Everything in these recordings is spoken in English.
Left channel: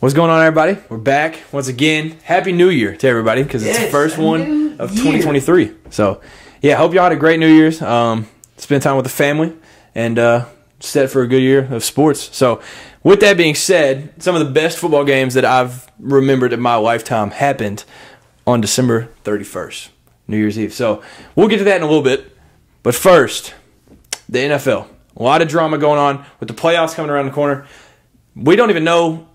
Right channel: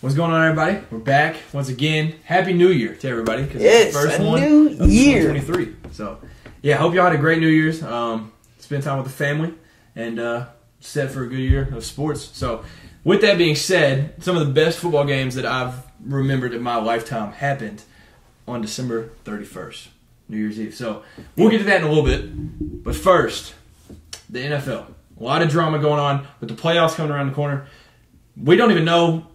What's going on, everybody? We're back once again. Happy New Year to everybody because it's the first one of 2023. So, yeah, hope y'all had a great New Year's. Spend time with the family and set for a good year of sports. So, with that being said, some of the best football games that I've remembered in my lifetime happened on December 31st, New Year's Eve. So, we'll get to that in a little bit. But first, the NFL. A lot of drama going on with the playoffs coming around the corner. We don't even know,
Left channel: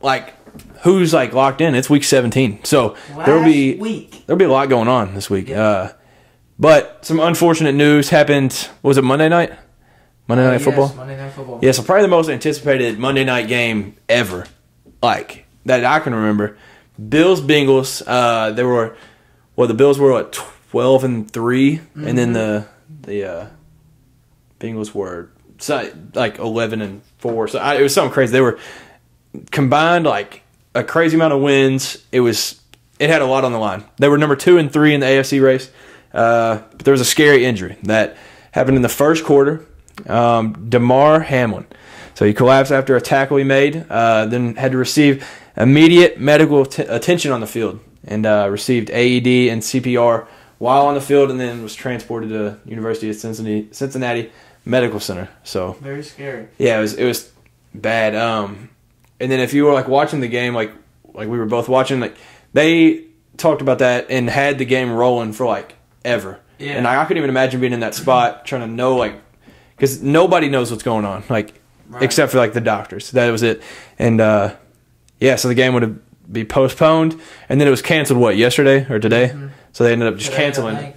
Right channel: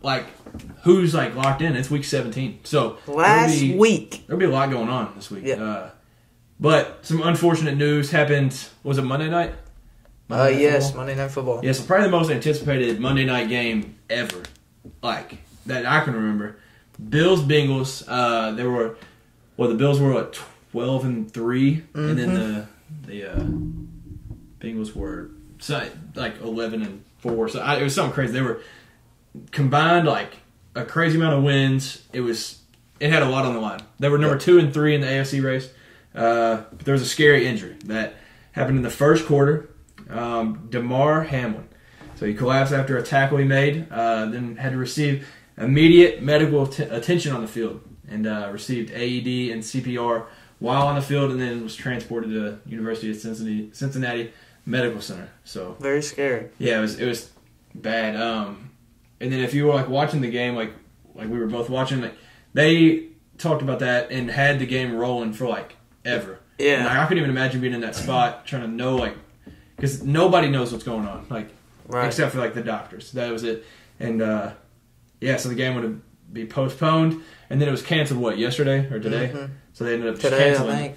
who's, locked in. It's week 17. So, there'll be a lot going on this week. Yeah. But some unfortunate news happened. Was it Monday night? Monday Night Football? Yes, Monday Night Football. Yeah, so probably the most anticipated Monday night game ever, that I can remember. Bills-Bengals, the Bills were, 12-3, mm-hmm. and then the Bengals were, 11-4. So it was something crazy. They were combined, a crazy amount of wins. It had a lot on the line. They were number 2 and 3 in the AFC race. But there was a scary injury that happened in the first quarter. Damar Hamlin. So he collapsed after a tackle he made, then had to receive immediate medical attention on the field and received AED and CPR while on the field, and then was transported to University of Cincinnati Medical Center. So very scary. Yeah, it was bad. And then if you were watching the game, like we were both watching, they talked about that and had the game rolling for ever. Yeah. And I couldn't even imagine being in that spot trying to know because nobody knows what's going on, right. except for the doctors. That was it. And so the game would be postponed, and then it was canceled. Yesterday or today? Mm-hmm. So they ended up just canceling.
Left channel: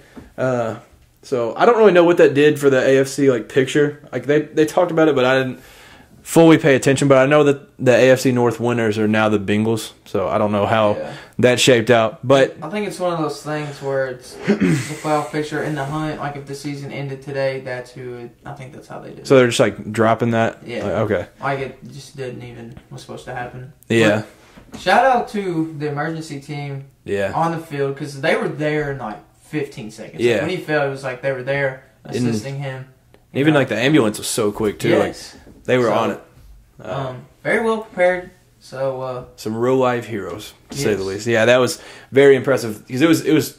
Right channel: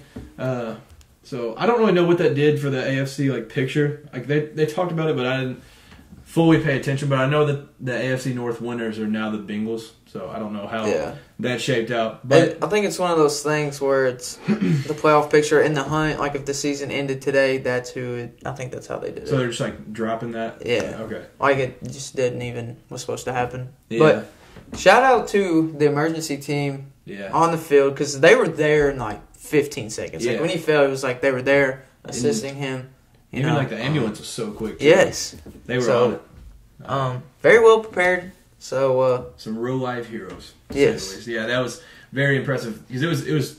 So I don't really know what that did for the AFC picture. They talked about it, but I didn't fully pay attention. But I know that the AFC North winners are now the Bengals. So I don't know how that shaped out. But I think it's one of those things where it's the playoff picture in the hunt. If the season ended today, that's who I think that's how they did it. So they're just dropping that? Yeah. Okay. It just didn't even was supposed to happen. Yeah. But shout out to the emergency team on the field because they were there in 15 seconds. Yeah. When he fell, it was they were there assisting him. Even the ambulance was so quick too. Yes. They were on it. Very well prepared. So some real life heroes, to say the least. Yeah, that was very impressive because it was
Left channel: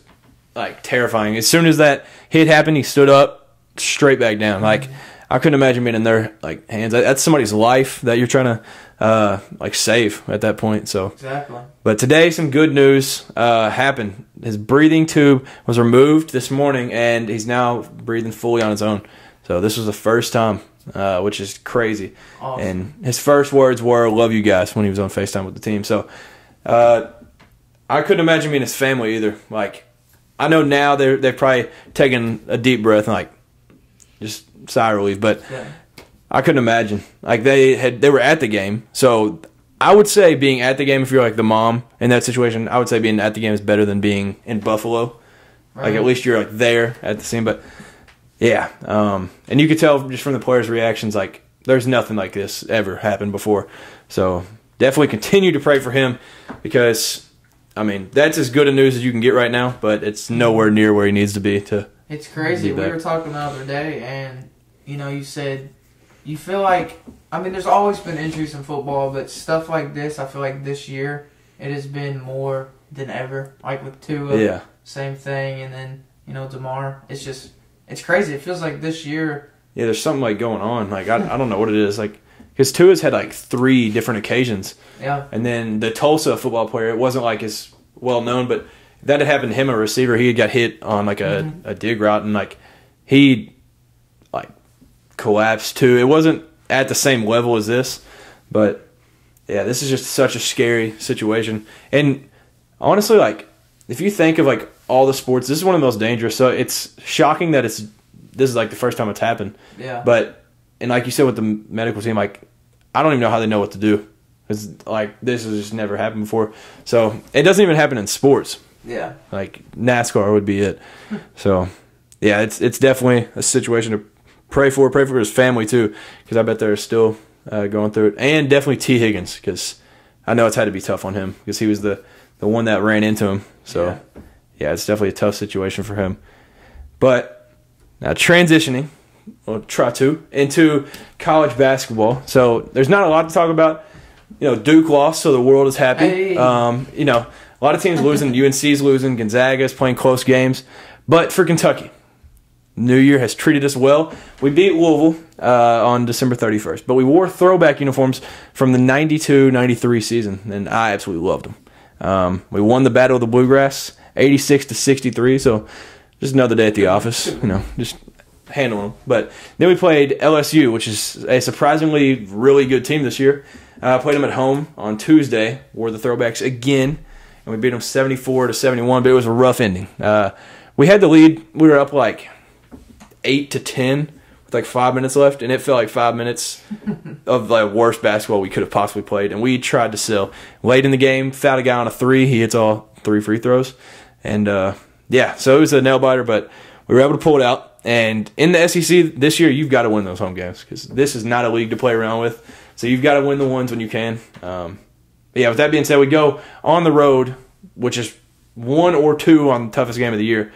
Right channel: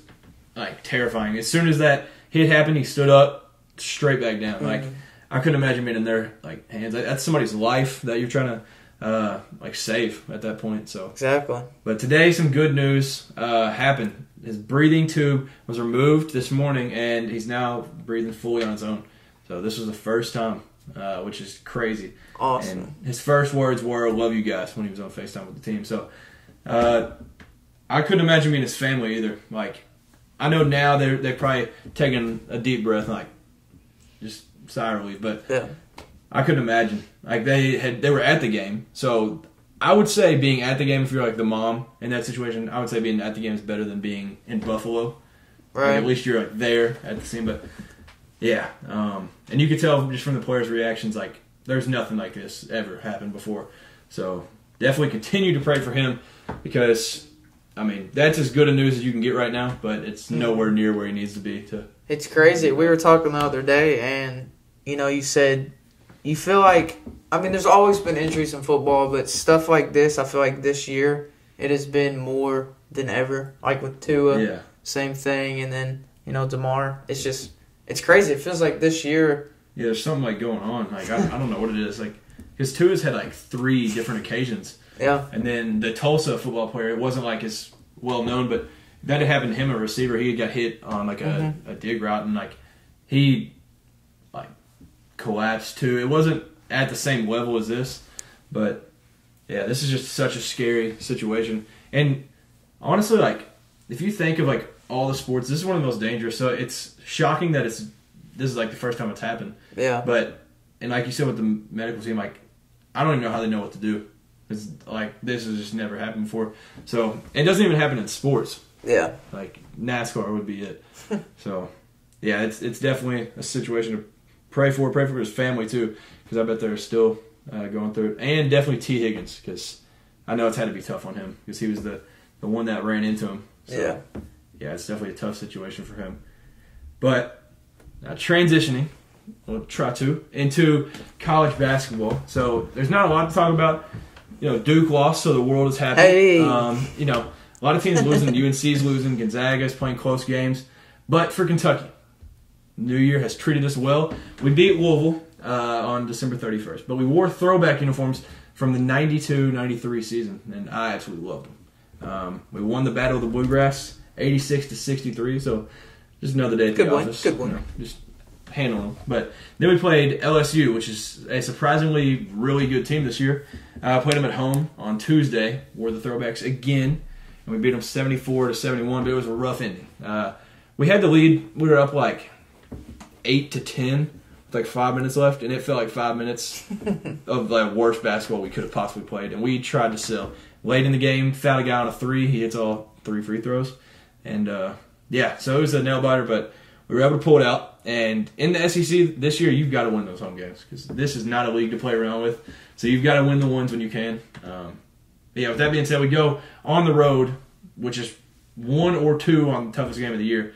terrifying. As soon as that hit happened, he stood up, straight back down. Mm-hmm. I couldn't imagine being in their hands. That's somebody's life that you're trying to save at that point. So exactly. But today, some good news happened. His breathing tube was removed this morning, and he's now breathing fully on his own. So this was the first time. Which is crazy. Awesome. And his first words were, "Love you guys," when he was on FaceTime with the team. So I couldn't imagine being his family either. I know now they're probably taking a deep breath and just sigh of relief, but I couldn't imagine. They were at the game. So I would say being at the game, if you're the mom in that situation, I would say being at the game is better than being in Buffalo. Right. At least you're there at the scene, but yeah, and you could tell just from the players' reactions, there's nothing like this ever happened before. So definitely continue to pray for him because, that's as good a news as you can get right now, but it's nowhere near where he needs to be. It's crazy. We were talking the other day, and, you said you feel there's always been injuries in football, but stuff like this, I feel this year, it has been more than ever. With Tua, same thing, and then, Damar, it's crazy. It feels like this year. Yeah, there's something going on. I don't know what it is. Because Tua's had 3 different occasions. Yeah. And then the Tulsa football player, it wasn't as well known, but that had happened to him, a receiver. He had got hit on a dig route, and he collapsed too. It wasn't at the same level as this, but yeah, this is just such a scary situation. And honestly, if you think of all the sports, this is one of the most dangerous. So it's shocking that this is the first time it's happened. Yeah. But and like you said with the medical team, I don't even know how they know what to do. It's this has just never happened before. So it doesn't even happen in sports. Yeah. NASCAR would be it. So yeah, it's definitely a situation to pray for his family too, because I bet they're still going through it, and definitely T. Higgins, because I know it's had to be tough on him because he was the one that ran into him. So. Yeah, it's definitely a tough situation for him. But now transitioning, into college basketball. So there's not a lot to talk about, Duke lost, so the world is happy. Hey. A lot of teams losing. UNC's losing. Gonzaga's playing close games. But for Kentucky, New Year has treated us well. We beat Louisville on December 31st, but we wore throwback uniforms from the 92-93 season, and I absolutely loved them. We won the Battle of the Bluegrass, 86-63, so just another day at the office. Just handle them. But then we played LSU, which is a surprisingly really good team this year. Played them at home on Tuesday, wore the throwbacks again, and we beat them 74-71, but it was a rough ending. We had the lead. We were up like 8-10 with like 5 minutes left, and it felt like 5 minutes of the worst basketball we could have possibly played. And we tried to sell. Late in the game, fouled a guy on a three. He hits all 3 free throws. And, so it was a nail-biter, but we were able to pull it out. And in the SEC this year, you've got to win those home games because this is not a league to play around with. So you've got to win the ones when you can. With that being said, we go on the road, which is 1 or 2 on the toughest game of the year,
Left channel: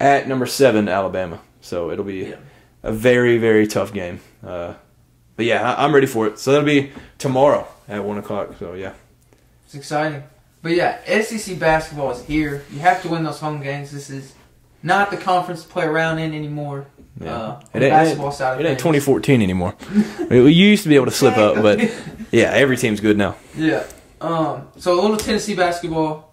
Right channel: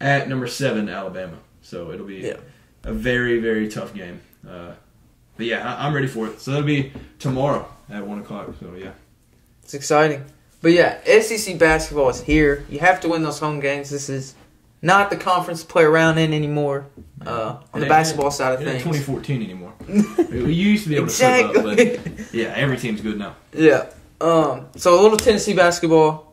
at number 7, Alabama. So it'll be a very, very tough game. I'm ready for it. So that'll be tomorrow at 1 o'clock. So, yeah. It's exciting. But, SEC basketball is here. You have to win those home games. This is not the conference to play around in anymore on the basketball side of things. It ain't 2014 anymore. We used to be able to slip up, but, every team's good now. Yeah. So a little Tennessee basketball.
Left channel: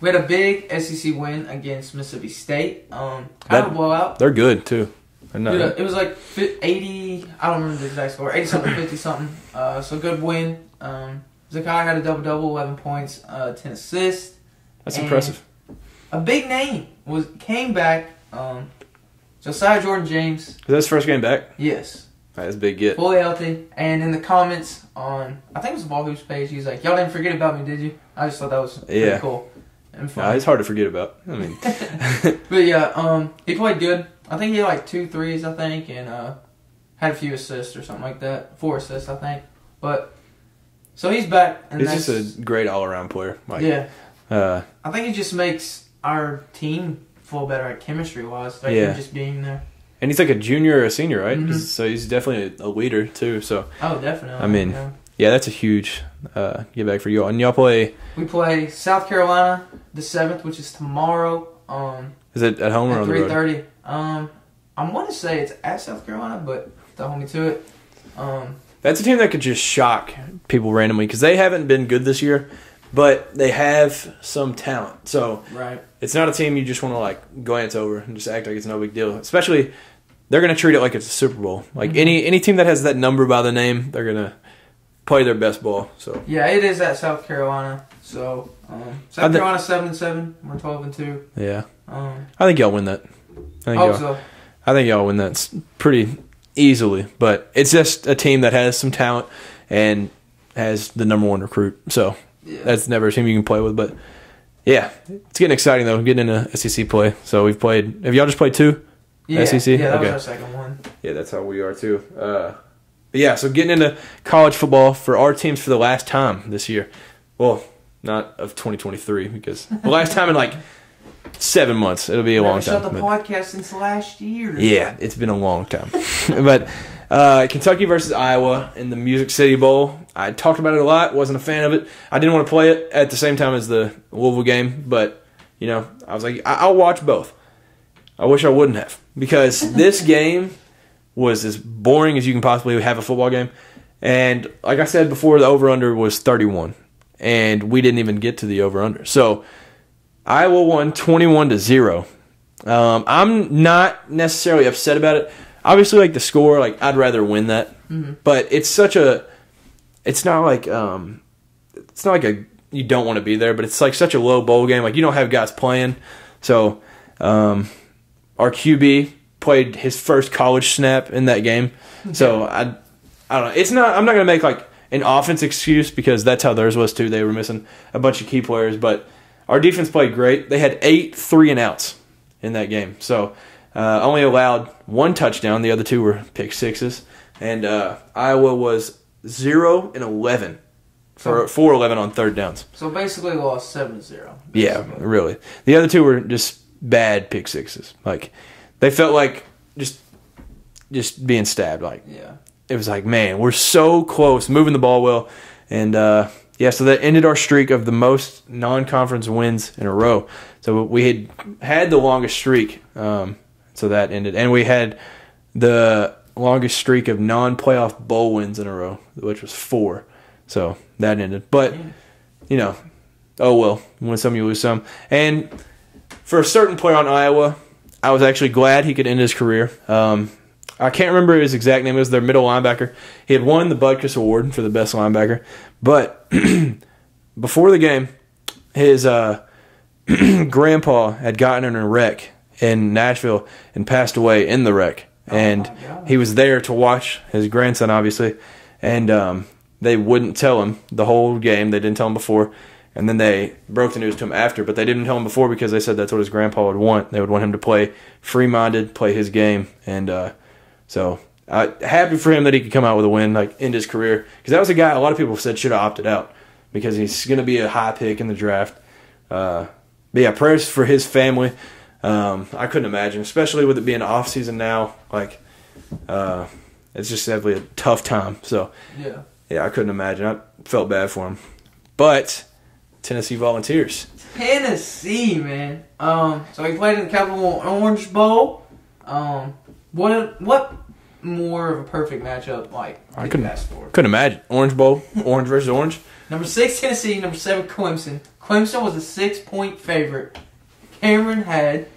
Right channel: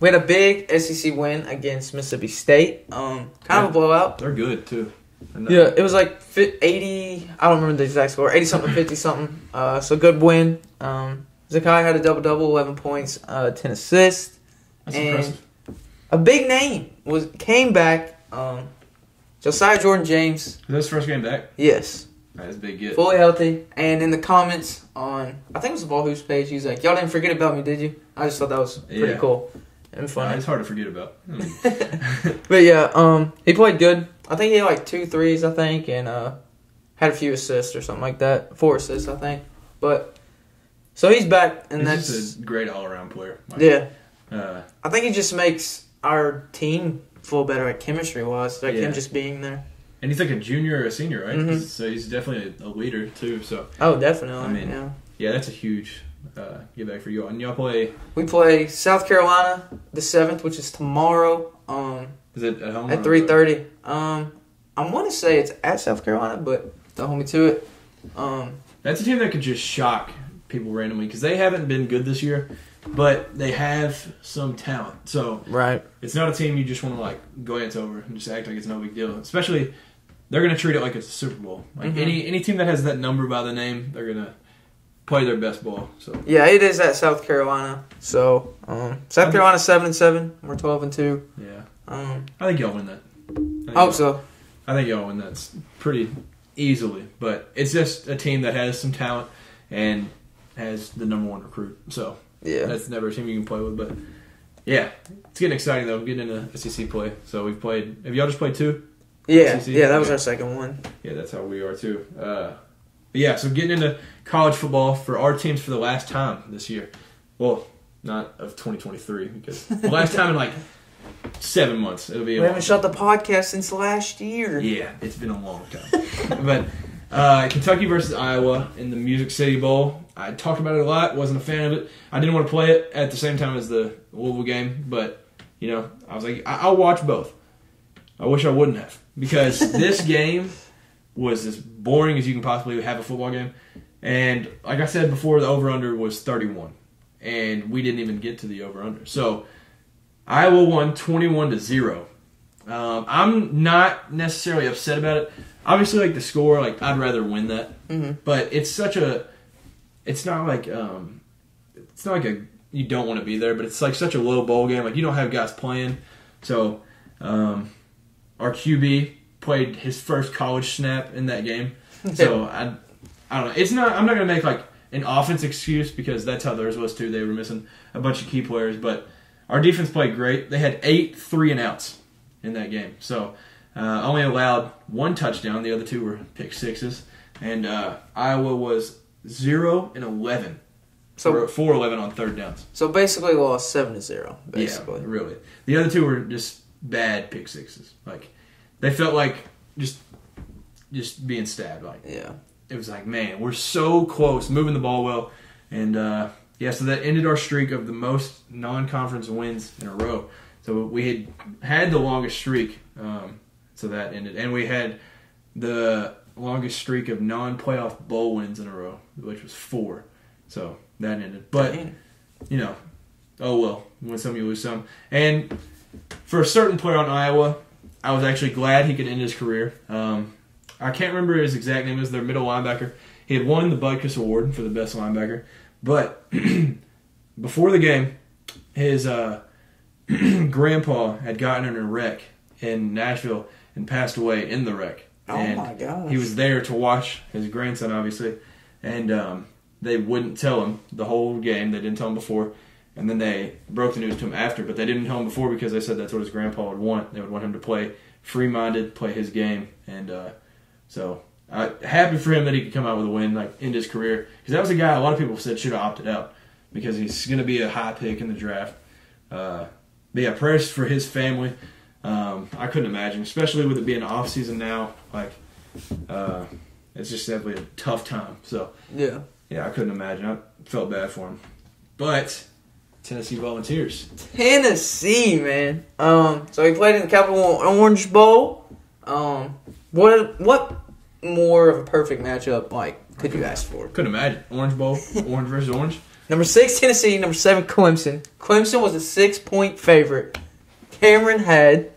We had a big SEC win against Mississippi State. Kind of a blowout. They're good, too. It was like 80, I don't remember the exact score, 80-something, 50-something. So good win. Zakai had a double-double, 11 points, 10 assists. That's impressive. A big name came back. Josiah Jordan-James. Is that his first game back? Yes. That's a big get. Fully healthy. And in the comments on, I think it was the Ball Hoops page, he's like, y'all didn't forget about me, did you? I just thought that was pretty cool and fun. It's hard to forget about. I mean. But he played good. I think he had like 2 threes, I think, and had a few assists or something like that. 4 assists, I think. But so he's back, and he's just a great all-around player. I think he just makes our team feel better, like chemistry-wise, him just being there. And he's like a junior or a senior, right? Mm-hmm. So he's definitely a leader too. So definitely. I mean, that's a huge get back for you all. And y'all play. We play South Carolina the 7th, which is tomorrow. Is it at home or at 3:30? I want to say it's at South Carolina, but don't hold me to it. That's a team that could just shock people randomly because they haven't been good this year, but they have some talent. So it's not a team you just want to like glance over and just act like it's no big deal. Especially, they're going to treat it like it's a Super Bowl. Like any team that has that number by the name, they're going to play their best ball. So it is at South Carolina. So South Carolina 7-7. We're 12-2. Yeah. I think y'all win that. I hope so. I think y'all win that pretty easily. But it's just a team that has some talent and has the number 1 recruit. So that's never a team you can play with. But it's getting exciting though. Getting into SEC play. So we've played. Have y'all just played 2? SEC? Yeah, that was our second one. Yeah, that's how we are too. So getting into college football for our teams for the last time this year. Well, not of 2023 because the last time in like 7 months. It'll be a long time. Shut the podcast since last year. Yeah, it's been a long time. But Kentucky versus Iowa in the Music City Bowl. I talked about it a lot. Wasn't a fan of it. I didn't want to play it at the same time as the Louisville game. But, I was like, I'll watch both. I wish I wouldn't have. Because this game was as boring as you can possibly have a football game. And like I said before, the over-under was 31. And we didn't even get to the over-under. So Iowa won 21-0. I'm not necessarily upset about it. Obviously, like the score, like I'd rather win that. Mm-hmm. But it's such a. It's not like you don't want to be there, but it's like such a low bowl game. Like you don't have guys playing. So our QB played his first college snap in that game. So I don't know. It's not. I'm not gonna make like an offense excuse because that's how theirs was too. They were missing a bunch of key players, but our defense played great. They had 8 3-and-outs in that game. So only allowed 1 touchdown. The other 2 were pick sixes. And Iowa was 0-11 for 4-11 on third downs. So basically lost 7-0. Yeah, really. The other 2 were just bad pick sixes. Like they felt like just being stabbed. Like it was like, man, we're so close, moving the ball well, And, so that ended our streak of the most non-conference wins in a row. So we had the longest streak, so that ended. And we had the longest streak of non-playoff bowl wins in a row, which was 4. So that ended. But, oh well, win some, you lose some. And for a certain player on Iowa, I was actually glad he could end his career. I can't remember his exact name. It was their middle linebacker. He had won the Butkus Award for the best linebacker. But before the game, his grandpa had gotten in a wreck in Nashville and passed away in the wreck. And he was there to watch his grandson, obviously. And they wouldn't tell him the whole game. They didn't tell him before. And then they broke the news to him after. But they didn't tell him before because they said that's what his grandpa would want. They would want him to play free-minded, play his game. And so happy for him that he could come out with a win, like end his career. Because that was a guy a lot of people said should have opted out because he's going to be a high pick in the draft. But yeah, prayers for his family. I couldn't imagine, especially with it being off season now. Like, it's just definitely a tough time. So yeah, I couldn't imagine. I felt bad for him. But Tennessee Volunteers. Tennessee, man. So he played in the Capital Orange Bowl. What more of a perfect matchup could you ask for? Couldn't imagine. Orange Bowl, orange versus orange. Number 6, Tennessee. Number 7, Clemson. Clemson was a 6-point favorite. Cameron had...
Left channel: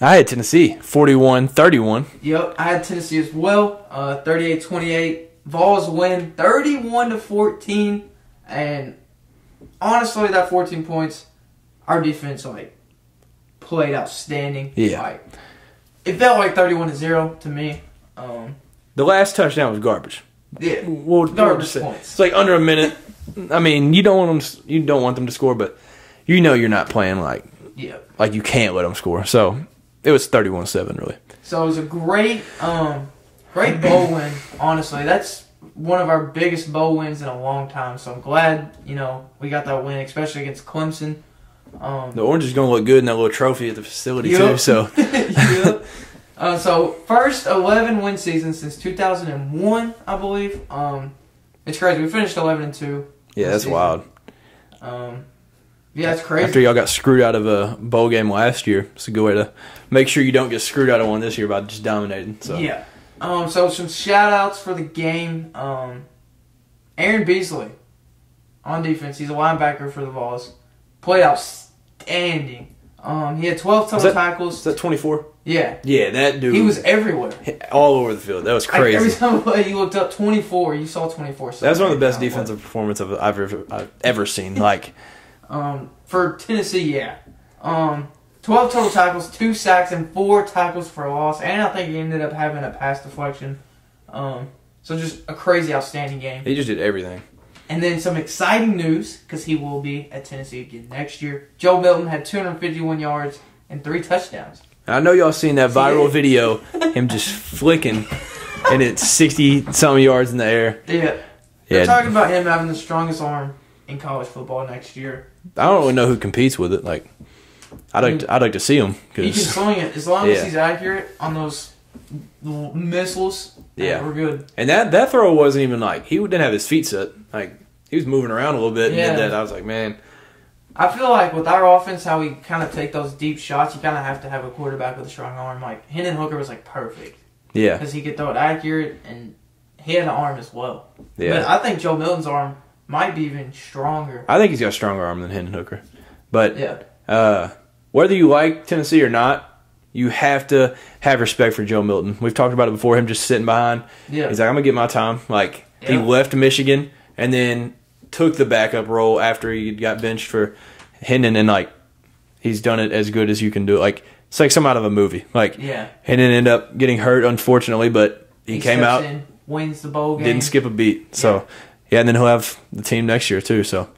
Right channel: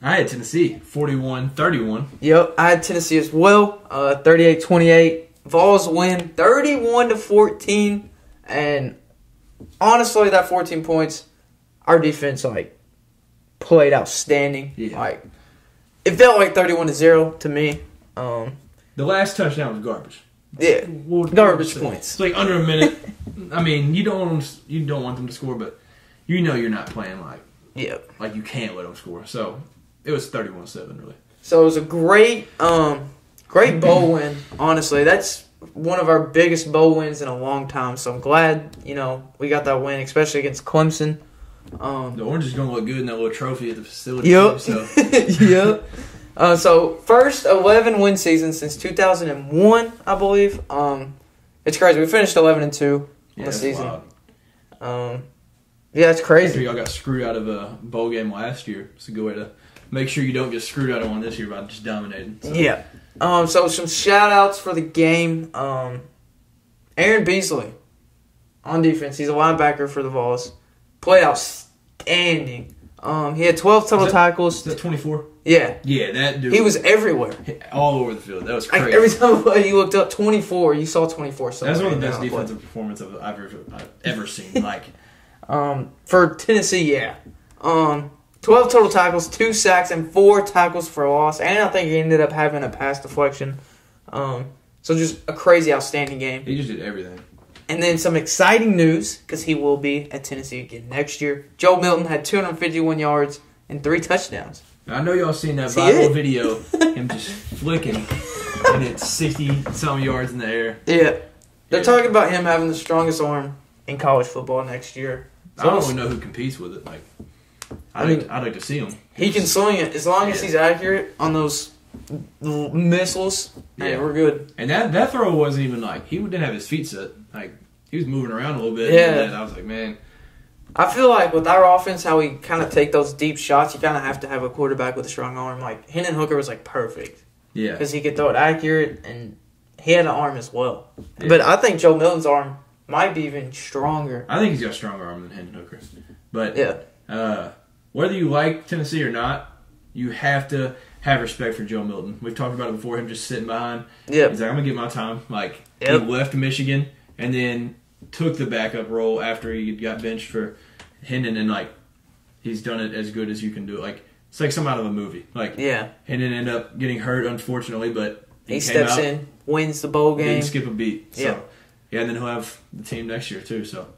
I had Tennessee, 41-31. Yep, I had Tennessee as well, 38-28. Vols win 31-14. And honestly, that 14 points, our defense, played outstanding. Yeah. It felt like 31-0 to me. The last touchdown was garbage. Yeah, garbage points. It's under a minute. I mean, you don't want them to score, but you're not playing like you can't let them score. So it was 31-7, really. So it was a great bowl win. Honestly, that's one of our biggest bowl wins in a long time. So I'm glad we got that win, especially against Clemson. The orange is going to look good in that little trophy at the facility too. So yep. So first 11 win season since 2001, I believe. It's crazy. We finished 11-2. Yeah, that's wild. Yeah, it's crazy. After y'all got screwed out of a bowl game last year, it's a good way to make sure you don't get screwed out of one this year by just dominating. So. Yeah. So some shout outs for the game. Aaron Beasley on defense. He's a linebacker for the Vols. Played outstanding. He had 12 total tackles. Is that 24? Yeah. Yeah, that dude. He was everywhere. All over the field. That was crazy. Every time you looked up 24, you saw 24. That was one of the best defensive performances I've ever seen. For Tennessee, yeah. 12 total tackles, 2 sacks, and 4 tackles for a loss. And I think he ended up having a pass deflection. So just a crazy, outstanding game. He just did everything. And then some exciting news, because he will be at Tennessee again next year. Joe Milton had 251 yards and 3 touchdowns. I know y'all seen that viral video, him just flicking, and it's 60-something yards in the air. Yeah. They're talking about him having the strongest arm in college football next year. I don't really know who competes with it. I'd like to see him. He can sling it as long as he's accurate on those missiles. Yeah, we're good. And that throw wasn't even he didn't have his feet set. He was moving around a little bit. Yeah. And I was like, man. I feel like with our offense, how we kind of take those deep shots, you kind of have to have a quarterback with a strong arm. Hendon Hooker was perfect. Yeah. Because he could throw it accurate, and he had an arm as well. Yeah. But I think Joe Milton's arm might be even stronger. I think he's got a stronger arm than Hendon Hooker. But yeah. Whether you like Tennessee or not, you have to have respect for Joe Milton. We've talked about it before, him just sitting behind. Yeah. He's like, I'm going to get my time. He left Michigan and then took the backup role after he got benched for Hendon, and he's done it as good as you can do it. It's like some out of a movie. Hendon ended up getting hurt, unfortunately, but he came out, in, wins the bowl game, didn't skip a beat. So and then he'll have the team next year too. So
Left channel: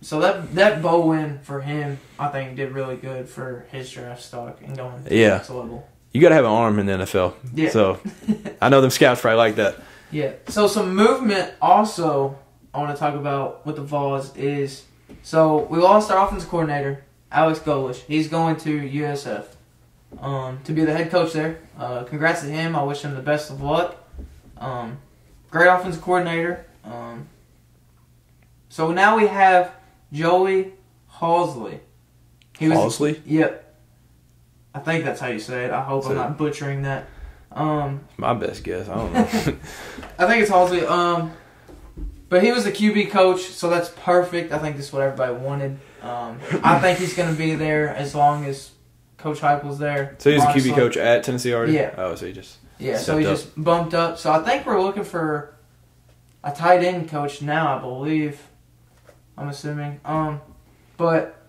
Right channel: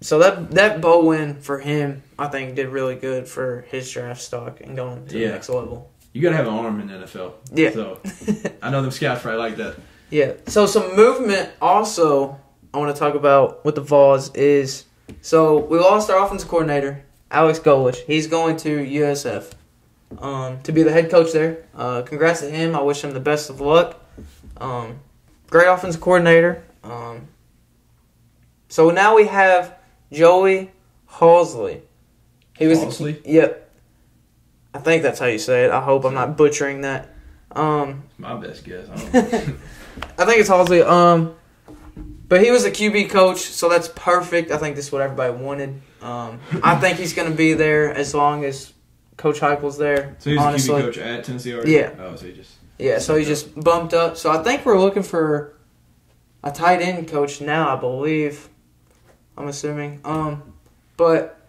so that bowl win for him, I think, did really good for his draft stock and going to the next level. You got to have an arm in the NFL. Yeah. So I know them scouts probably like that. Yeah. So some movement also I want to talk about with the Vols is, so we lost our offensive coordinator, Alex Golich. He's going to USF to be the head coach there. Congrats to him. I wish him the best of luck. Great offensive coordinator. So now we have Joey Halzle. Halzle? Yep. I think that's how you say it. I hope I'm not butchering that. My best guess. I don't know. I think it's Halzle. But he was a QB coach, so that's perfect. I think this is what everybody wanted. I think he's going to be there as long as Coach Heupel's there. So he's honestly. A QB coach at Tennessee already? Yeah. Oh, so he just... Yeah, so he just bumped up. So I think we're looking for a tight end coach now, I believe. I'm assuming. But,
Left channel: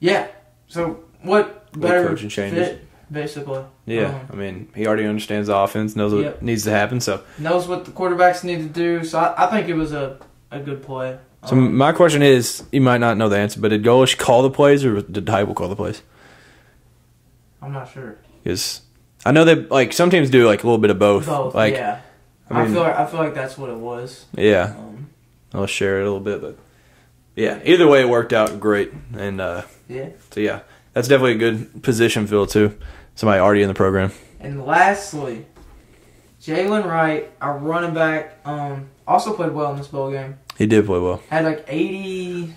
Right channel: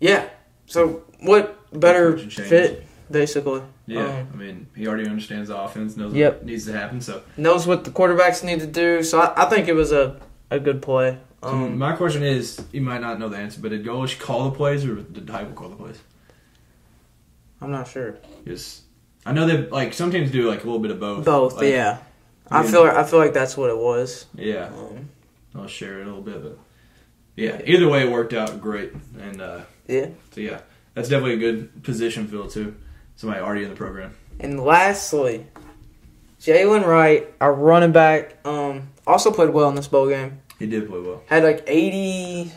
yeah. So what better fit, basically? Yeah, I mean, he already understands the offense, knows what needs to happen. So knows what the quarterbacks need to do. So I think it was a good play. So my question is, you might not know the answer, but did Golish call the plays or did Heupel call the plays? I'm not sure. Because I know that like some teams do like a little bit of both. Both, like, yeah. I feel like that's what it was. Yeah, I'll share it a little bit, but yeah, either way it worked out great, and so yeah, that's definitely a good position fill too. Somebody already in the program. And lastly, Jalen Wright, our running back, also played well in this bowl game. He did play well. Had like 81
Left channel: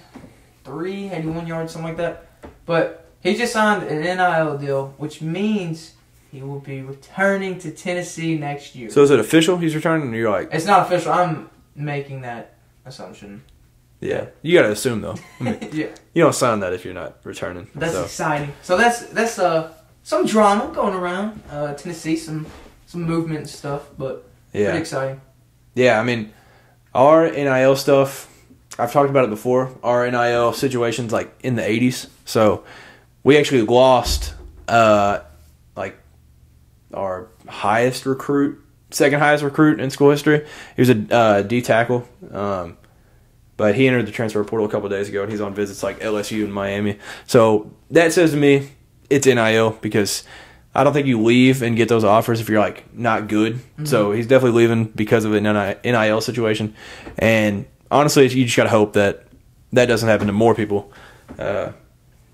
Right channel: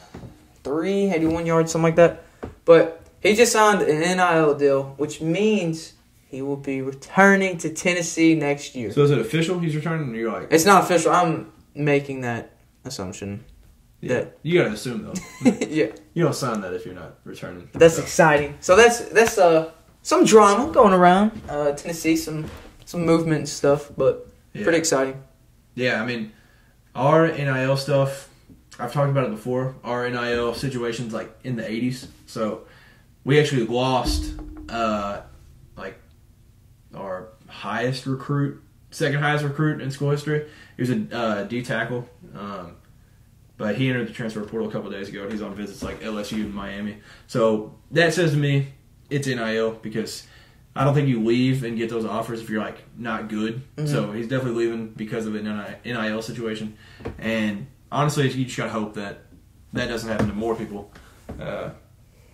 yards, something like that. But he just signed an NIL deal, which means he will be returning to Tennessee next year. So is it official he's returning? Or you're like... It's not official. I'm making that assumption. Yeah. You got to assume, though. I mean, yeah. You don't sign that if you're not returning. That's exciting. So that's some drama going around Tennessee, some movement and stuff, but pretty exciting. Yeah, I mean, our NIL stuff, I've talked about it before. Our NIL situation's like in the 80s. So we actually lost like our highest recruit, second highest recruit in school history. He was a D tackle. But he entered the transfer portal a couple of days ago, and he's on visits like LSU and Miami. So that says to me it's NIL because I don't think you leave and get those offers if you're like not good. Mm-hmm. So he's definitely leaving because of an NIL situation. And honestly, you just got to hope that that doesn't happen to more people. And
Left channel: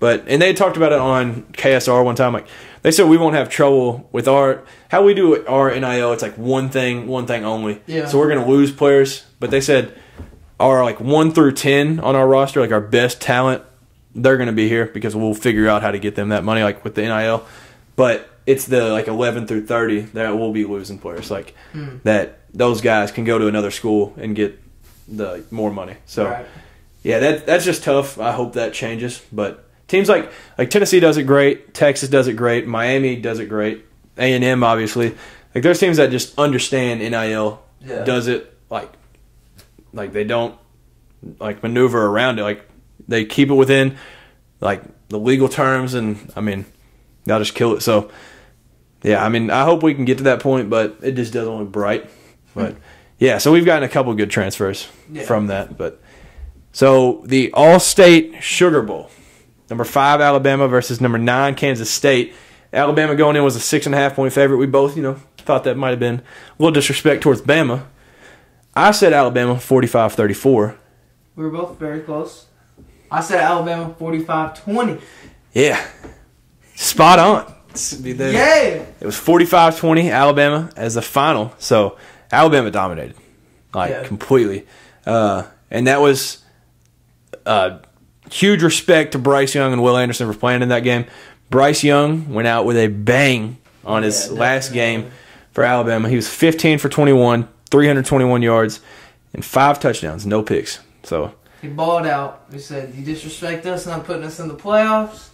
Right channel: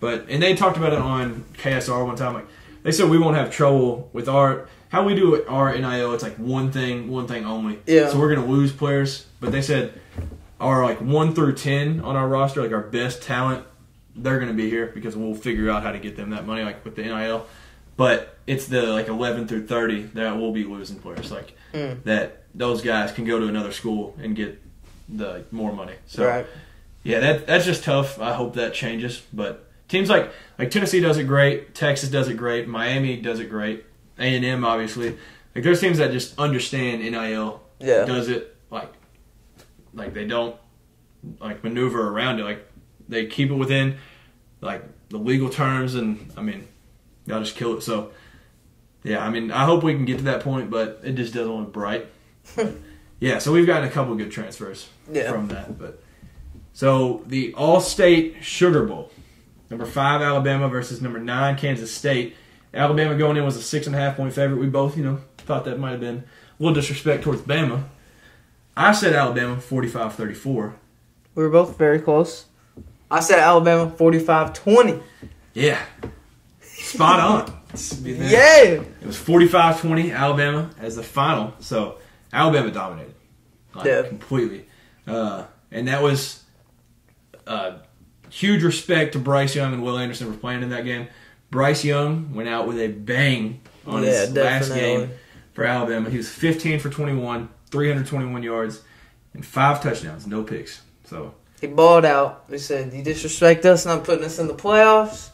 they talked about it on KSR one time. Like they said, we won't have trouble with how we do our NIL. It's like one thing only. Yeah. So we're gonna lose players, but they said our like 1 through 10 on our roster, like our best talent, they're gonna be here because we'll figure out how to get them that money, like with the NIL. But it's the like 11 through 30 that we'll be losing players, like that. Those guys can go to another school and get the more money. So yeah, that's just tough. I hope that changes, but. Teams like Tennessee does it great, Texas does it great, Miami does it great, A&M obviously. Like there's teams that just understand NIL does it like they don't like maneuver around it. Like they keep it within like the legal terms, and I mean they'll just kill it. So yeah, I mean I hope we can get to that point, but it just doesn't look bright. But yeah, so we've gotten a couple good transfers from that. But so the All-State Sugar Bowl. Number 5, Alabama versus number 9, Kansas State. Alabama going in was a 6.5-point favorite. We both, thought that might have been a little disrespect towards Bama. I said Alabama 45-34. We were both very close. I said Alabama 45-20. Yeah. Spot on. Yeah. It was 45-20, Alabama as the final. So Alabama dominated. Completely. And that was... huge respect to Bryce Young and Will Anderson for playing in that game. Bryce Young went out with a bang on his last game for Alabama. He was 15 for 21, 321 yards, and 5 touchdowns, no picks. So he balled out. He said, "You disrespect us, not putting us in the playoffs.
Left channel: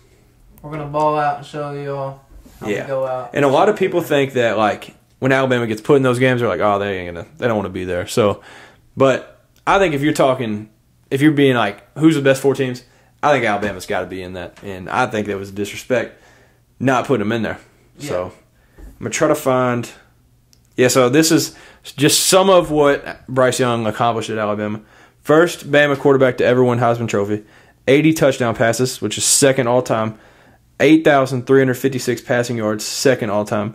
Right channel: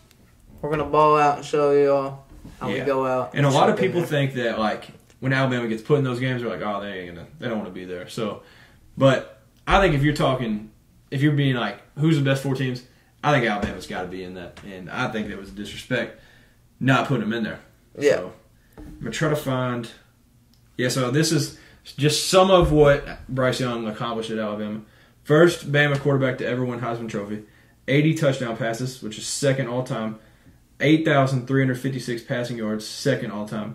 We're gonna ball out and show you all how we go out." And a lot of people think that like when Alabama gets put in those games, they're like, "Oh, they don't want to be there." So, but I think if you're being like, who's the best 4 teams? I think Alabama's got to be in that. And I think that was a disrespect not putting them in there. Yeah. So I'm going to try to find... Yeah, so this is just some of what Bryce Young accomplished at Alabama. First Bama quarterback to ever win Heisman Trophy. 80 touchdown passes, which is second all-time. 8,356 passing yards, second all-time.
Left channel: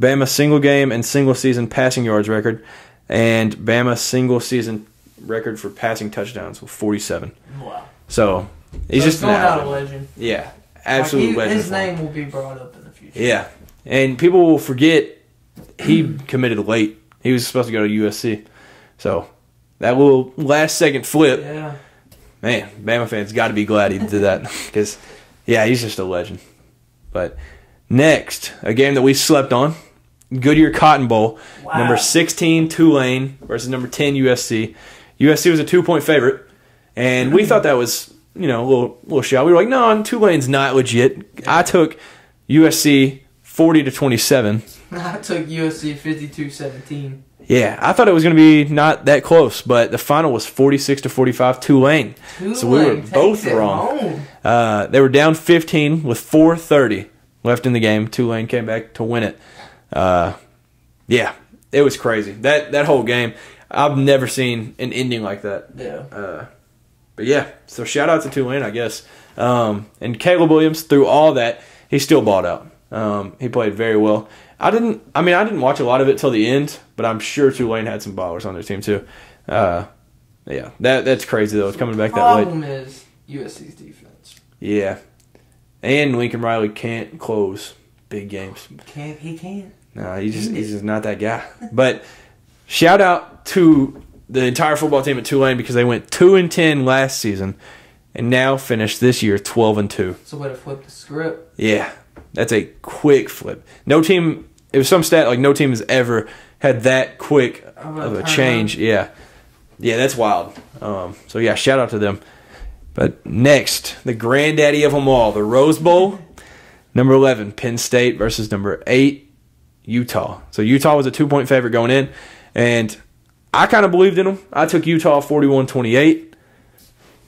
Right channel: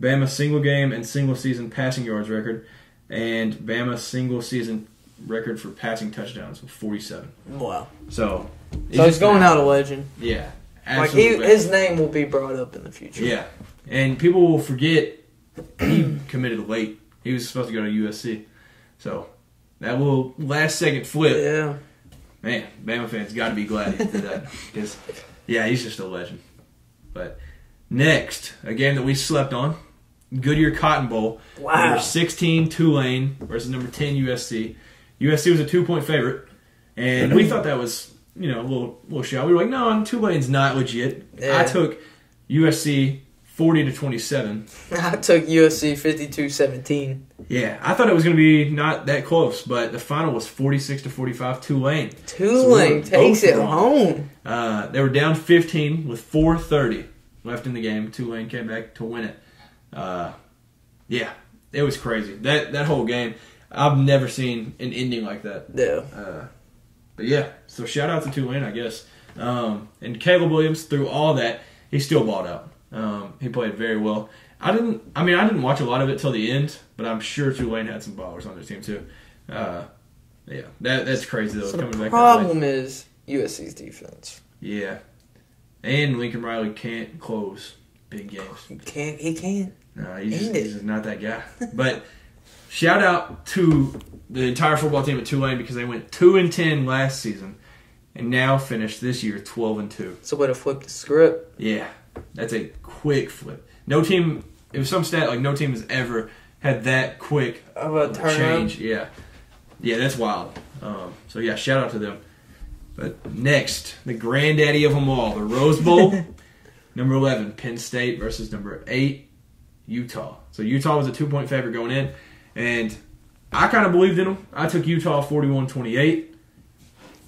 Bama single game and single season passing yards record. And Bama single season record for passing touchdowns with 47. Wow. So he's just going out a legend. Yeah, absolutely. His name will be brought up in the future. Yeah, and people will forget he committed late. He was supposed to go to USC. So that little last second flip. Yeah. man, Bama fans got to be glad he did that because, yeah, he's just a legend. But next, a game that we slept on, Goodyear Cotton Bowl, number 16 Tulane versus number 10 USC. USC was a 2-point favorite, and we thought that was, a little shot. We were like, no, Tulane's not legit. Yeah. I took USC 40-27. I took USC 52-17. Yeah, I thought it was going to be not that close, but the final was 46-45 Tulane. Tulane takes it home. They were down 15 with 4:30 left in the game. Tulane came back to win it. Yeah, it was crazy. That whole game, I've never seen an ending like that. Yeah. But yeah, so shout out to Tulane, I guess. And Caleb Williams, through all that, he still balled out. He played very well. I didn't watch a lot of it till the end, but I'm sure Tulane had some ballers on their team too. Yeah, that's crazy though. It's coming back that way. The problem is USC's defense. Yeah, and Lincoln Riley can't close big games. He can't. No, he's just not that guy. But shout out to the entire football team at Tulane because they went 2-10 last season, and now finished this year 12-2. It's a way to flip the script. Yeah, that's a quick flip. No team. It was some stat like no team has ever had that quick of a change. Yeah, that's wild. So yeah, shout out to them. But next, the granddaddy of them all, the Rose Bowl. Number 11, Penn State versus number 8, Utah. So Utah was a 2-point favorite going in, and I kind of believed in them. I took Utah 41-28.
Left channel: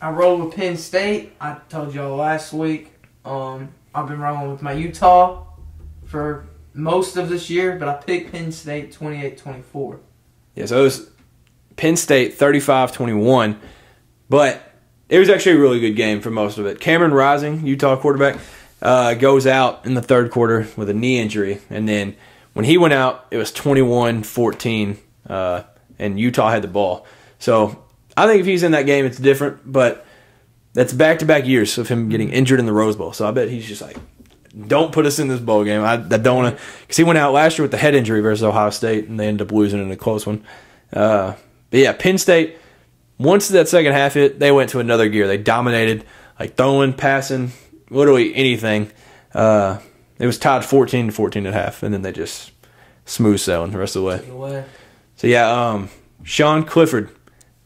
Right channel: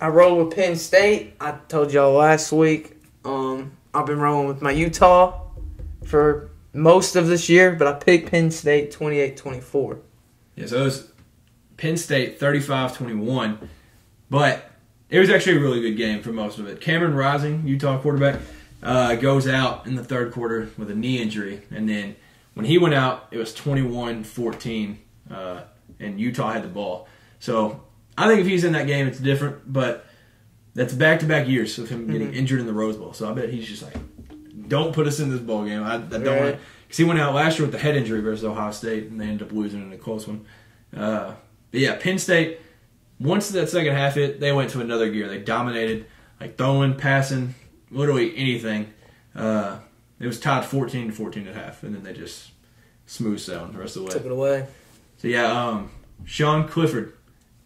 I rolled with Penn State. I told y'all last week. I've been rolling with my Utah for most of this year, but I picked Penn State 28-24. Yeah, so it was Penn State 35-21, but it was actually a really good game for most of it. Cameron Rising, Utah quarterback, goes out in the third quarter with a knee injury, and then when he went out, it was 21-14, and Utah had the ball. So I think if he's in that game, it's different, but that's back-to-back years of him getting injured in the Rose Bowl. So I bet he's just like, don't put us in this bowl game. I don't want to, because he went out last year with the head injury versus Ohio State, and they ended up losing in a close one. But yeah, Penn State, once that second half hit, they went to another gear. They dominated, like throwing, passing, literally anything. It was tied 14-14 at half, and then they just smooth sailing the rest of the way. Took it away. So yeah, Sean Clifford,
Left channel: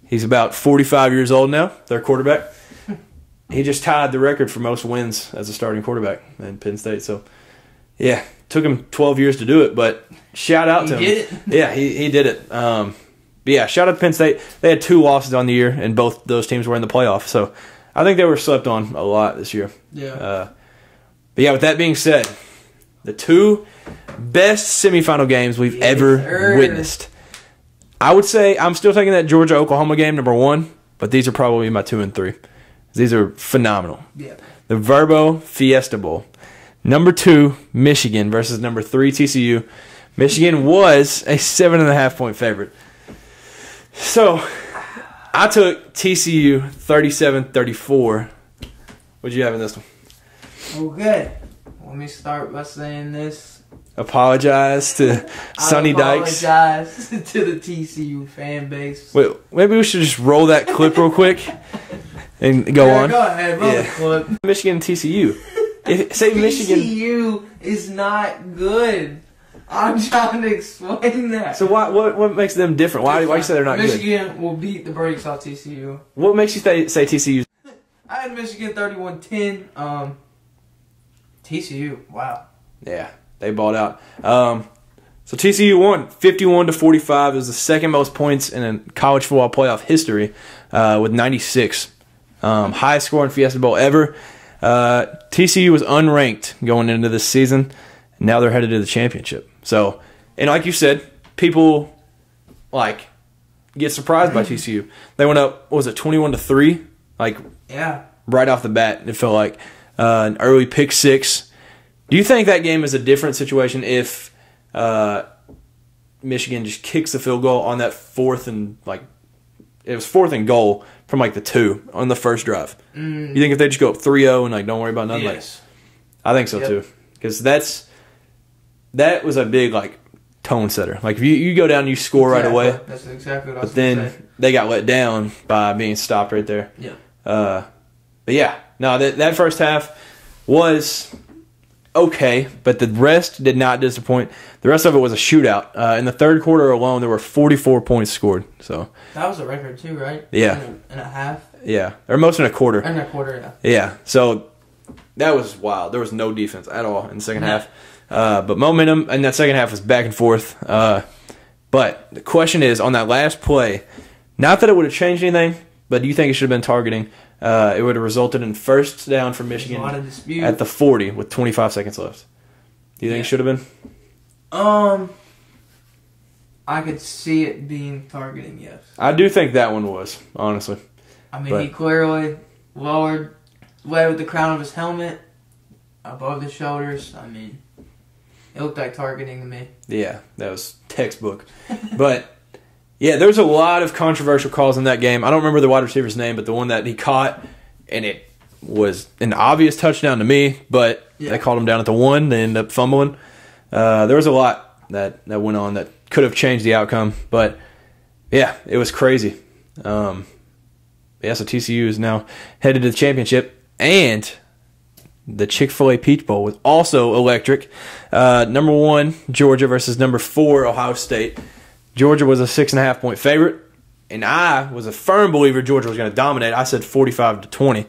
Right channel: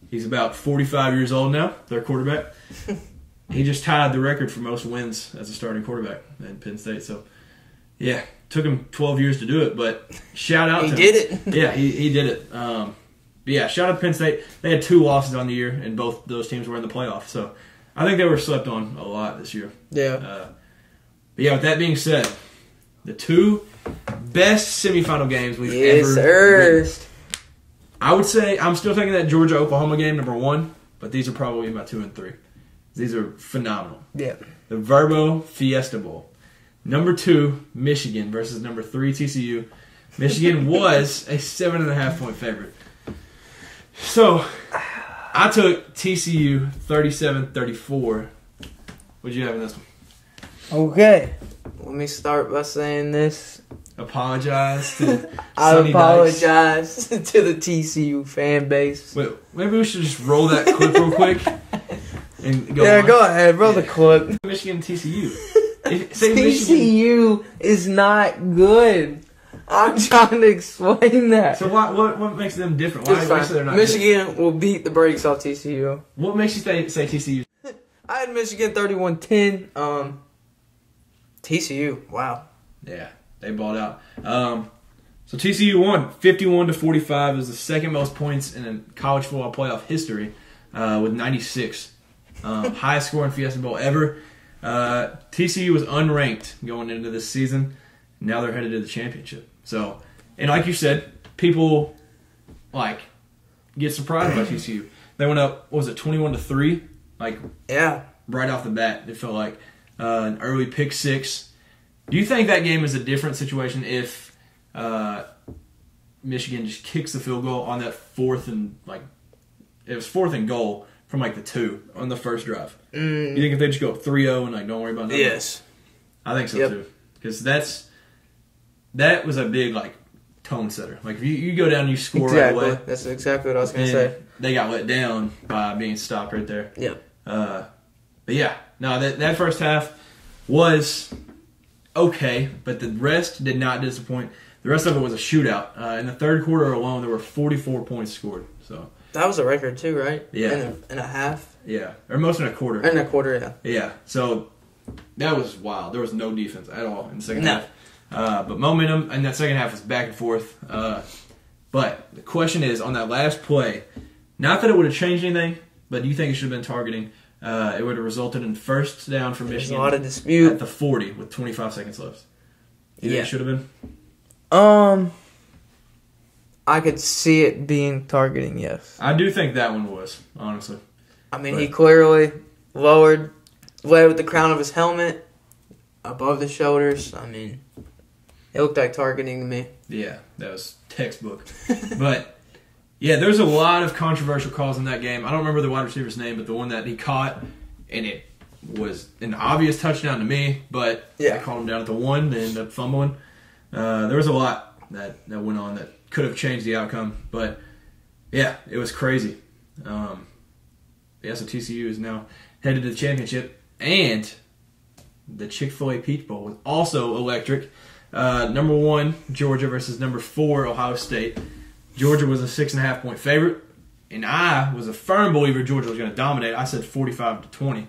he's about 45 years old now, their quarterback. He just tied the record for most wins as a starting quarterback in Penn State. So, yeah, took him 12 years to do it, but shout out to him. He did it. Yeah, he did it. But yeah, shout out to Penn State. They had 2 losses on the year, and both those teams were in the playoffs. So, I think they were slept on a lot this year. Yeah. But yeah, with that being said, the 2 best semifinal games we've ever witnessed. I would say I'm still taking that Georgia-Oklahoma game, number 1, but these are probably my 2 and 3. These are phenomenal. Yeah. The Verbo Fiesta Bowl. Number 2, Michigan versus number 3, TCU. Michigan was a 7.5-point favorite. So, I took TCU 37-34. What'd you have in this one? Okay. Let me start by saying this. Apologize to Sonny Dykes. I apologize to the TCU fan base. Wait, maybe we should just roll that clip real quick. And go on. Yeah, go ahead. Roll the clip. Michigan and TCU. TCU is not good. I'm trying to explain that. So what makes them different? Why do you say they're not Michigan good? will beat the brakes off TCU. What makes you say TCU? I had Michigan 31-10. TCU, wow. Yeah, they balled out. So TCU won 51-45. It was the second most points in a college football playoff history with 96. Highest score in Fiesta Bowl ever. TCU was unranked going into this season. Now they're headed to the championship. So, and like you said, people get surprised by TCU. They went up, what was it, 21-3? Right off the bat, it felt like an early pick 6. Do you think that game is a different situation if Michigan just kicks the field goal on that fourth and it was 4th and goal from the 2 on the first drive? You think if they just go up 3-0 and don't worry about nothing? Yes. I think so too. Because that was a big tone setter. If you go down and you score right away. That's exactly what I was going to say. They got let down by being stopped right there. Yeah. But yeah, no, that first half was okay, but the rest did not disappoint. The rest of it was a shootout. In the third quarter alone, there were 44 points scored. So that was a record too, right? Yeah. In a half? Yeah. Or most in a quarter. In a quarter, yeah. Yeah. So that was wild. There was no defense at all in the second half. But momentum in that second half was back and forth. But the question is, on that last play, not that it would have changed anything, but do you think it should have been targeting? It would have resulted in first down for Michigan a lot of dispute. At the 40 with 25 seconds left. Do you think it should have been? I could see it being targeting, yes. I do think that one was, honestly. I mean, he clearly led with the crown of his helmet above the shoulders. I mean, it looked like targeting to me. Yeah, that was textbook. But, yeah, there was a lot of controversial calls in that game. I don't remember the wide receiver's name, but the one that he caught, and it was an obvious touchdown to me, but I called him down at the 1. They ended up fumbling. There was a lot that went on that could have changed the outcome. But, yeah, it was crazy. So TCU is now headed to the championship. And the Chick-fil-A Peach Bowl was also electric. Number 1, Georgia versus number 4, Ohio State. Georgia was a 6.5-point favorite. And I was a firm believer Georgia was going to dominate. I said 45-20.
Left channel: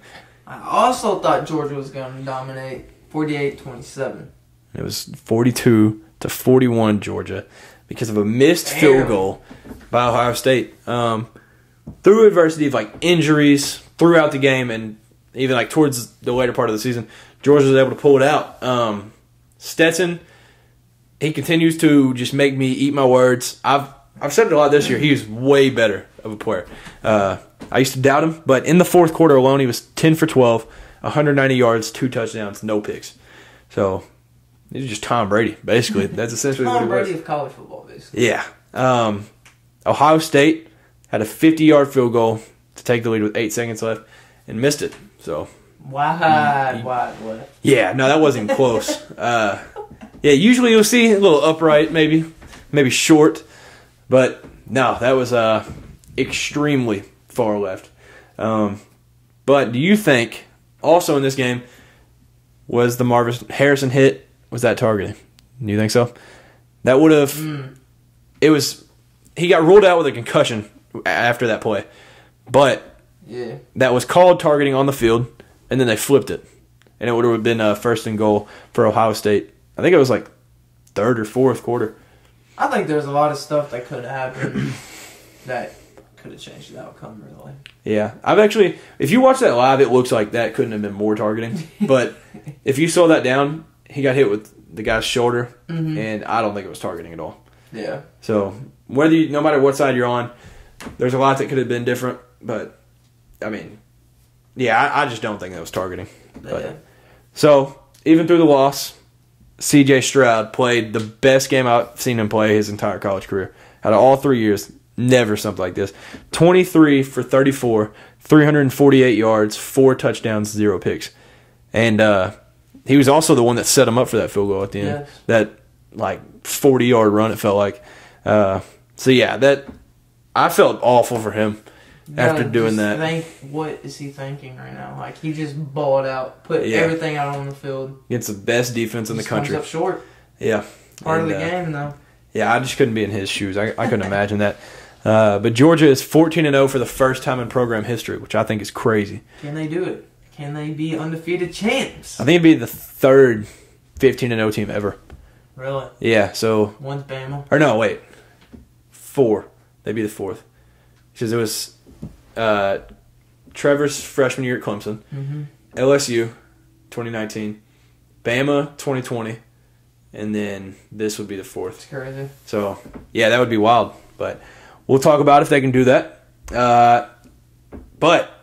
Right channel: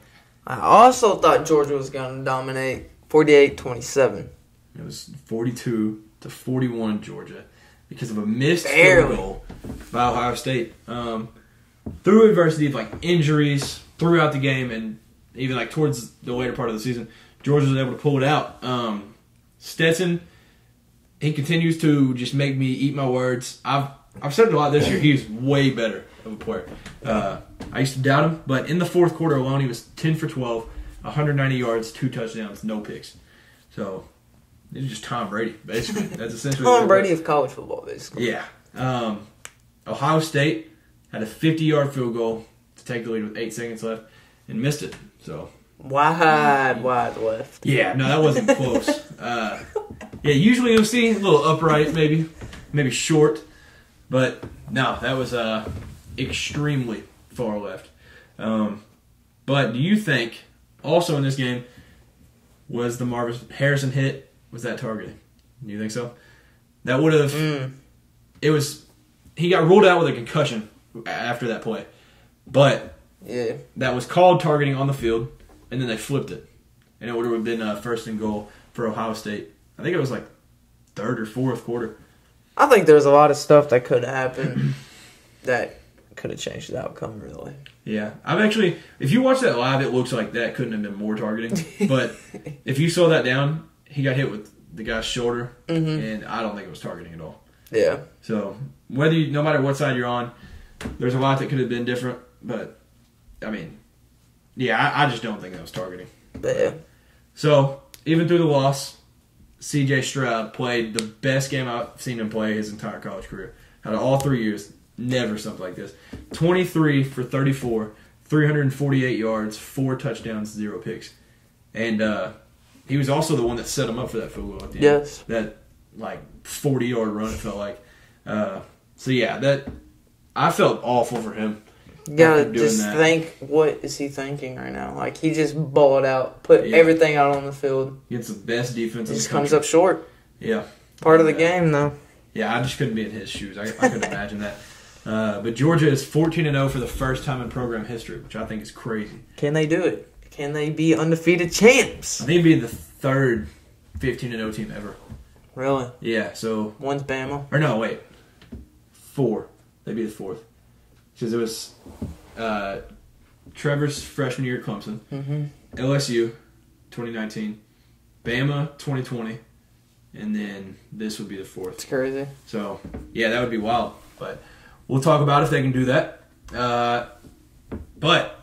I also thought Georgia was going to dominate 48-27. It was 42-41 Georgia because of a missed field goal by Ohio State. Through adversity of like injuries throughout the game and even like towards the later part of the season, Georgia was able to pull it out. Stetson, he continues to just make me eat my words. I've said it a lot this year. He's way better of a player. I used to doubt him, but in the fourth quarter alone, he was 10 for 12, 190 yards, 2 touchdowns, no picks. So he's just Tom Brady, basically. That's essentially Tom Brady of college football, basically. Yeah. Ohio State had a 50-yard field goal to take the lead with 8 seconds left and missed it. So wide left. Yeah, no, that wasn't close. Usually you'll see a little upright, maybe short, but no, that was extremely far left. But do you think also in this game was the Marvin Harrison hit? Was that targeting? Do you think so? That would have. It was. He got ruled out with a concussion after that play, but that was called targeting on the field, and then they flipped it, and it would have been first and goal for Ohio State. I think it was like third or fourth quarter. I think there's a lot of stuff that could have happened that could have changed the outcome, really. Yeah. If you watch that live, it looks like that couldn't have been more targeting. But if you slow that down, he got hit with the guy's shoulder, and I don't think it was targeting at all. Yeah. So, no matter what side you're on, there's a lot that could have been different. But, I mean, I just don't think that was targeting. But, so, even through the loss, C.J. Stroud played the best game I've seen him play his entire college career. Out of all 3 years, never something like this. 23 for 34, 348 yards, 4 touchdowns, 0 picks. And he was also the one that set him up for that field goal at the end. Yes. That, 40-yard run, it felt like. I felt awful for him after doing that. Think, what is he thinking right now? He just balled out, put everything out on the field. Against the best defense in the country. Comes up short. Yeah. Part of the game, though. Yeah, I just couldn't be in his shoes. I couldn't imagine that. But Georgia is 14-0 for the first time in program history, which I think is crazy. Can they do it? Can they be undefeated champs? I think it'd be the third 15-0 team ever. Really? Yeah, so... One's Bama? Or no, wait. 4. They'd be the 4th. Because it was Trevor's freshman year at Clemson, LSU 2019, Bama 2020, and then this would be the 4th. It's crazy. So, yeah, that would be wild. But we'll talk about if they can do that. But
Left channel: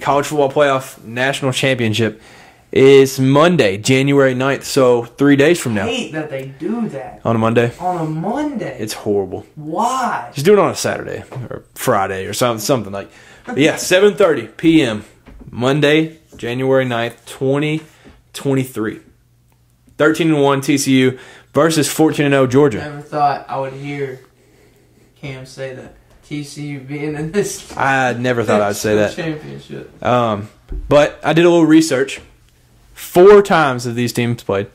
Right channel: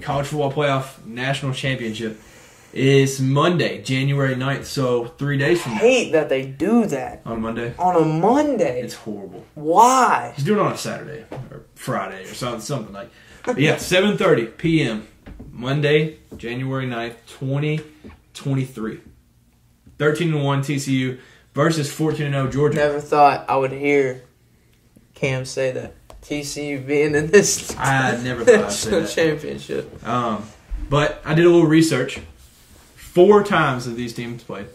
College Football Playoff National Championship is Monday, January 9th, so 3 days from now. I hate that they do that. On a Monday? On a Monday. It's horrible. Why? Just do it on a Saturday or Friday or something like. Yeah, 7:30 p.m. Monday, January 9th, 2023. 13-1 TCU versus 14-0 Georgia. Never thought I would hear Cam say that. TCU being in this. I never thought I'd say that. Championship. But I did a little research. 4 times have these teams played.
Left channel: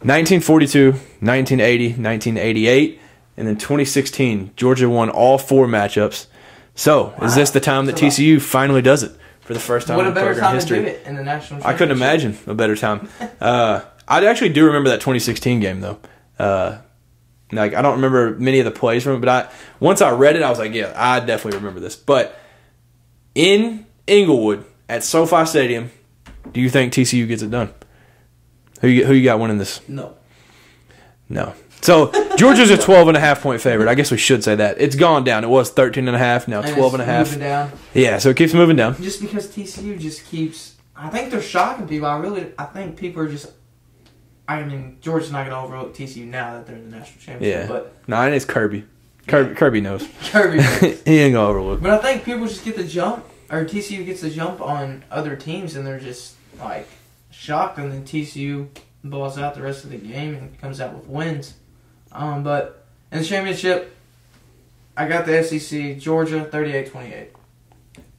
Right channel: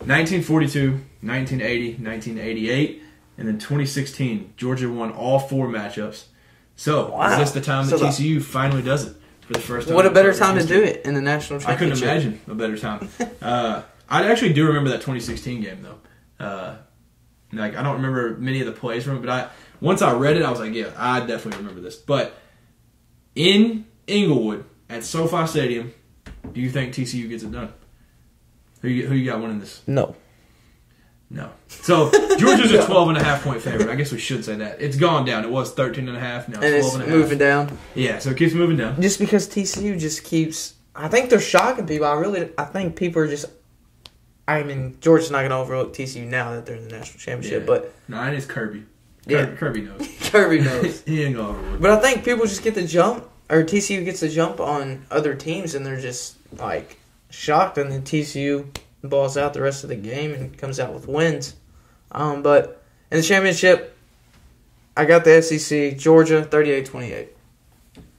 1942, 1980, 1988, and then 2016. Georgia won all 4 matchups. So, Is this the time that TCU finally does it for the first time? What a better time to do it in the national championship. I couldn't imagine a better time. I actually do remember that 2016 game, though. I don't remember many of the plays from it, but once I read it, I was like, yeah, I definitely remember this. But in Inglewood at SoFi Stadium, do you think TCU gets it done? Who you got winning this? No. So Georgia's a 12.5-point favorite. I guess we should say that. It's gone down. It was 13.5, now 12.5. Moving down. Yeah, so it keeps moving down. Just because TCU just keeps. I think they're shocking people. I think people are just. I mean, Georgia's not going to overlook TCU now that they're in the national championship. Yeah. But and it's Kirby. Kirby knows. Kirby knows. He ain't going to overlook. But I think people just get the jump, or TCU gets the jump on other teams, and they're just shocked, and then TCU balls out the rest of the game and comes out with wins. But in the championship, I got the SEC, Georgia 38-28.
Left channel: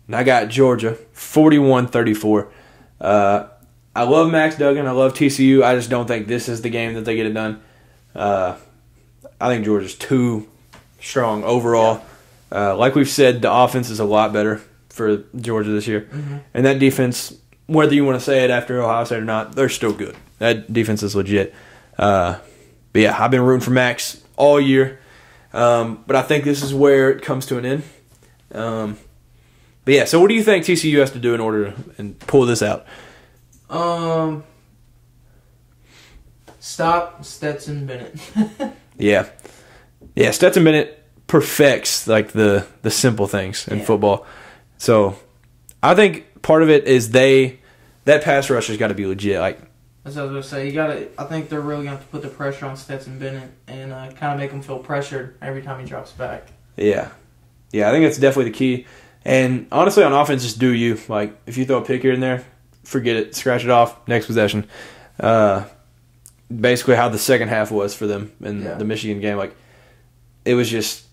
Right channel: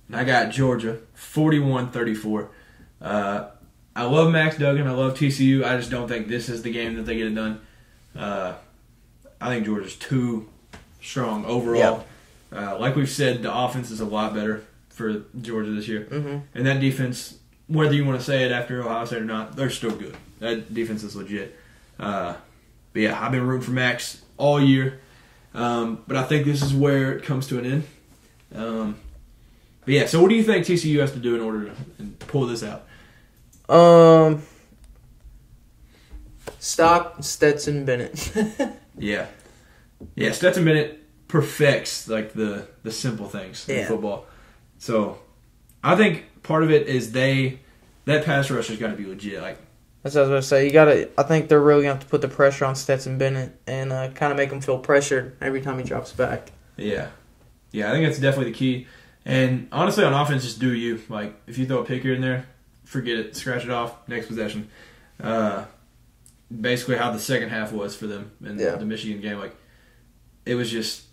And I got Georgia 41-34. I love Max Duggan. I love TCU. I just don't think this is the game that they get it done. I think Georgia's too strong overall. Yeah. Like we've said, the offense is a lot better for Georgia this year. Mm-hmm. And that defense, whether you want to say it after Ohio State or not, they're still good. That defense is legit. But yeah, I've been rooting for Max all year. But I think this is where it comes to an end. But yeah, so what do you think TCU has to do in order to pull this out? Stop Stetson Bennett. Yeah, Stetson Bennett perfects the simple things in football. So I think part of it is that pass rush has got to be legit. That's what I was going to say. I think they're really going to have to put the pressure on Stetson Bennett and kind of make him feel pressured every time he drops back. Yeah, I think that's definitely the key. And honestly, on offense, just do you. If you throw a pick here and there, forget it, scratch it off, next possession. Basically how the second half was for them in the Michigan game. It was just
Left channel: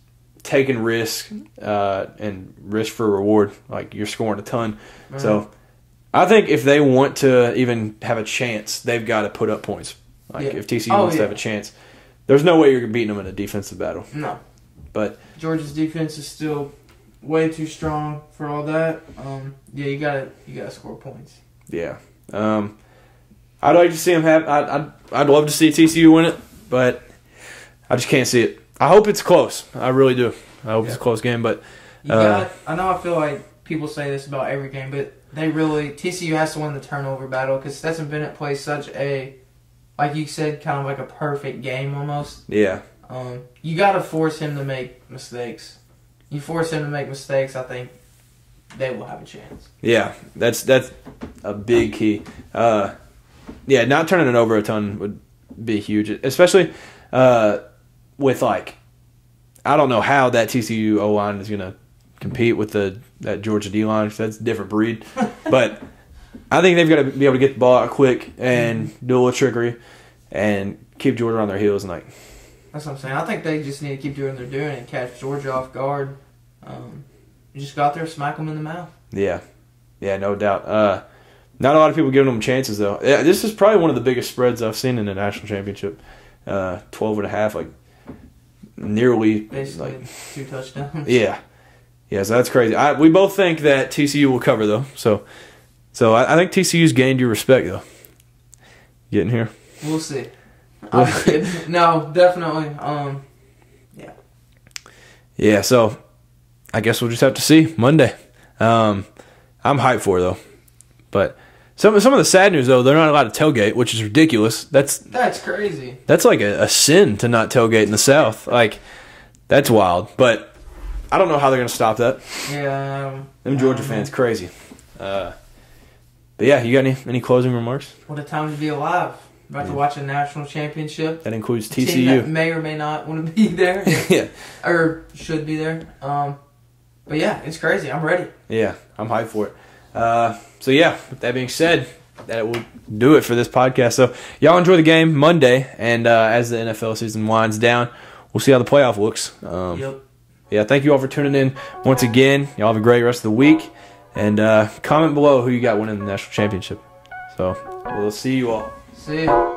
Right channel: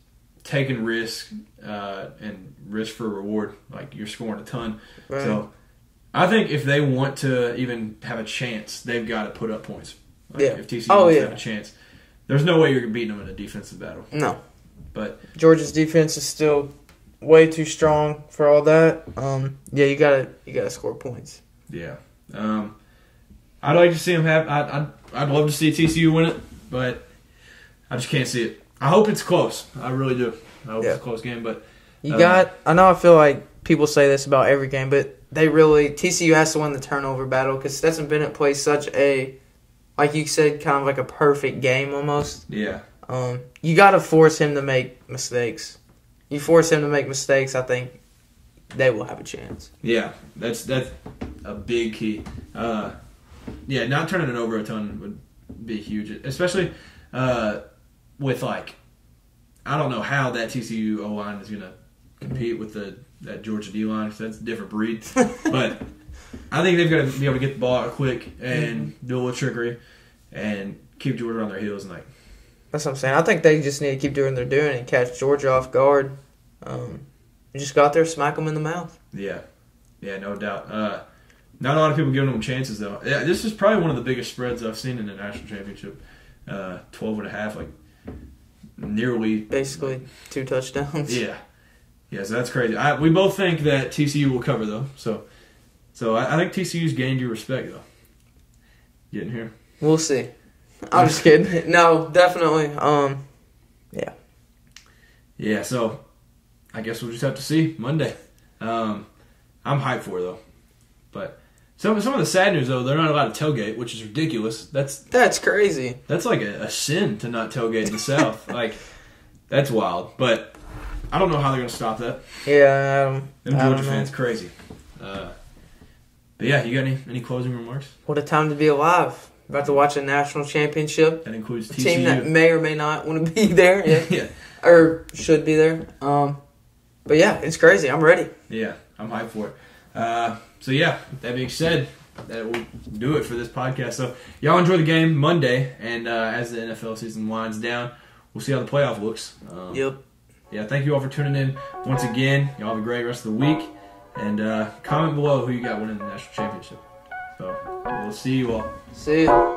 taking risk and risk for reward. You're scoring a ton. Right. So I think if they want to even have a chance, they've got to put up points. If TCU wants to have a chance, there's no way you're beating them in a defensive battle. No. But Georgia's defense is still way too strong for all that. You gotta score points. Yeah. I'd like to see them have. I'd love to see TCU win it, but I just can't see it. I hope it's close. I really do. I hope it's a close game, but I know. I feel like people say this about every game, but TCU has to win the turnover battle because Stetson Bennett plays such a, like you said, kind of like a perfect game almost. Yeah. You got to force him to make mistakes. You force him to make mistakes, I think they will have a chance. Yeah, that's a big key. Not turning it over a ton would be huge, especially with I don't know how that TCU O-line is going to compete with that Georgia D-line. That's a different breed. But I think they've got to be able to get the ball out quick and do a little trickery and keep Georgia on their heels. That's what I'm saying. I think they just need to keep doing what they're doing and catch Georgia off guard. Just go out there, smack them in the mouth. Yeah, no doubt. Not a lot of people giving them chances, though. Yeah, this is probably one of the biggest spreads I've seen in the national championship. 12.5, nearly. Basically 2 touchdowns. Yeah, so that's crazy. We both think that TCU will cover, though. So I think TCU's gained your respect, though. Getting here. We'll see. I'm just kidding. No, definitely. Yeah, so I guess we'll just have to see Monday. I'm hyped for it, though. But some of the sad news, though, they're not allowed to tailgate, which is ridiculous. That's crazy. That's a sin to not tailgate in the South. That's wild. But I don't know how they're going to stop that. Yeah. Them Georgia fans, crazy. But yeah, you got any closing remarks? What a time to be alive. About to watch a national championship. That includes TCU. Team that may or may not want to be there. Yeah. Or should be there. But yeah, it's crazy. I'm ready. Yeah, I'm hyped for it. So yeah, with that being said, that will do it for this podcast. So y'all enjoy the game Monday, and as the NFL season winds down, we'll see how the playoff looks. Yep. Yeah, thank you all for tuning in once again. Y'all have a great rest of the week. And comment below who you got winning the national championship. So, we'll see you all. See ya.